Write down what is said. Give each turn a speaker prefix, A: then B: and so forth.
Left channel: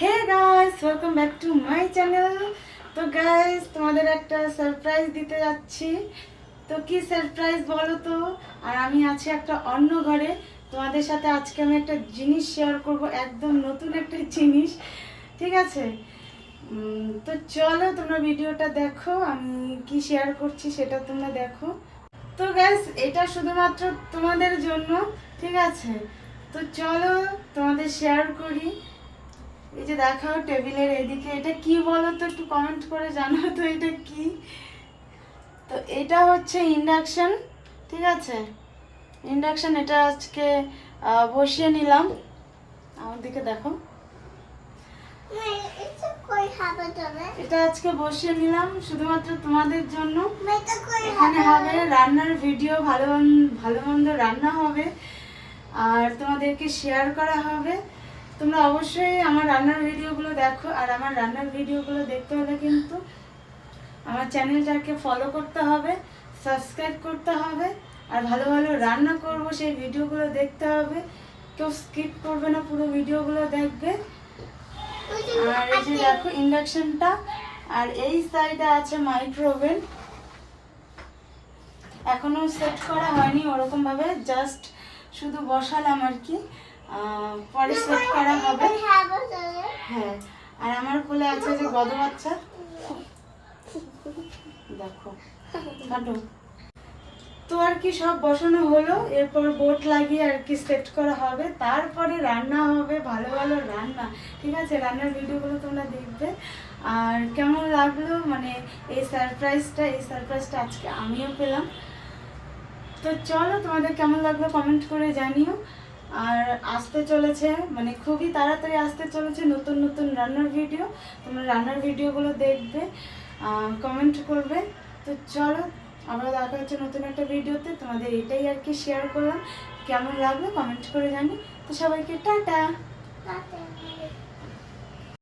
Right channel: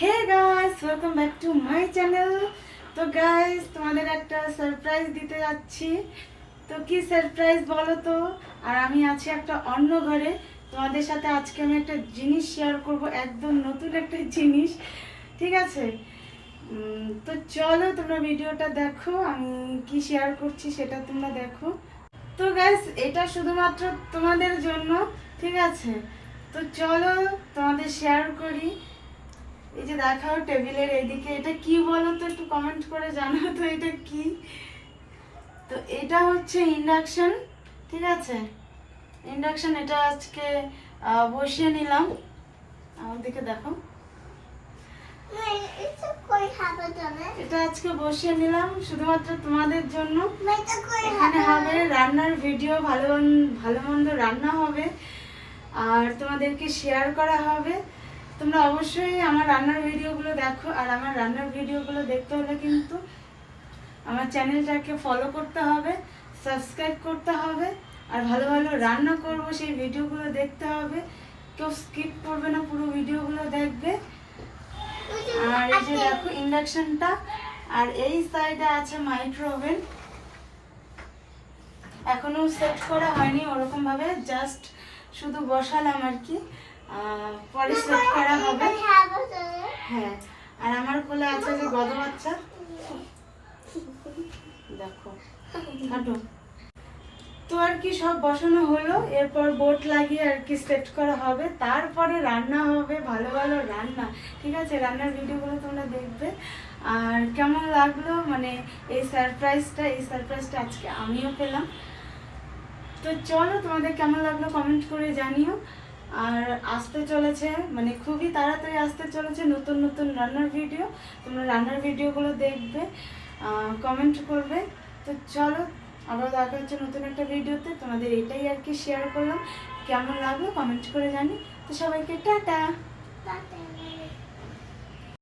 A: Hey guys welcome back to my channel তো guys তোমাদের একটা সারপ্রাইজ দিতে যাচ্ছি। তো কি সারপ্রাইজ বলো তো? আর আমি আছি একটা অন্য ঘরে। তোমাদের সাথে আজকে আমি একটা জিনিস শেয়ার করব, একদম নতুন একটা জিনিস। ঠিক আছে? তো চলো তোমরা ভিডিওটা দেখো, আমি কি শেয়ার করছি সেটা তোমরা দেখো। তো গাইস এটা শুধুমাত্র তোমাদের জন্য, ঠিক আছে? তো চলো তোমাদের শেয়ার করি। এই যে দেখাও টেবিলের এদিকে এটা কি বলো তো একটু কমেন্ট করে জানাও তো এটা কি? তো এটা হচ্ছে ইন্ডাকশান ঠিক আছে? ইন্ডাকশন এটা আজকে বসিয়ে নিলাম। আমার দিকে দেখো। এটা আজকে বসিয়ে নিলাম শুধুমাত্র তোমাদের জন্য। এখানে হবে রান্নার ভিডিও ভালো ভালো মন্দ রান্না হবে। আর তোমাদেরকে শেয়ার করা হবে। তোমরা অবশ্যই আমার রান্নার ভিডিওগুলো দেখো আর আমার রান্নার ভিডিওগুলো দেখতে হলে কিন্তু আমার চ্যানেলটাকে ফলো করতে হবে সাবস্ক্রাইব করতে হবে আর ভালো ভালো রান্না করব সেই ভিডিওগুলো দেখতে হবে। কেউ স্কিপ করবে না, পুরো ভিডিওগুলো দেখবে। আর এই যে দেখো ইন্ডাকশনটা আর এই সাইডে আছে মাইক্রোওভেন এখনও সেট করা হয়নি ওরকম ভাবে জাস্ট শুধু বসালাম আর কি। সেট করা হবে। হ্যাঁ আর আমার কোলে আছে যে গদ বাচ্চা। দেখো তো আর কি সব বসানো হলো, এরপর বোট লাগিয়ে আর কি সেট করা হবে। তারপরে রান্না হবে, ভালো ভালো রান্না। ঠিক আছে, রান্নার ভিডিওগুলো তোমরা দেখবে। আর কেমন লাগল? মানে এই সারপ্রাইজটা এই সারপ্রাইজটা আজকে আমিও পেলাম। তো চলো, তোমাদের কেমন লাগল? কমেন্ট করে জানিও। আর আসতে চলেছে মানে খুবই তাড়াতাড়ি আসতে চলেছে নতুন নতুন রান্নার ভিডিও তোমরা রান্নার ভিডিওগুলো দেখবে কমেন্ট করবে। তো চলো, আবার দেখা হচ্ছে নতুন একটা ভিডিওতে তোমাদের এটাই আর কি শেয়ার করলাম। কেমন লাগল কমেন্ট করে জানি। তো সবাইকে টাটা।
B: जाना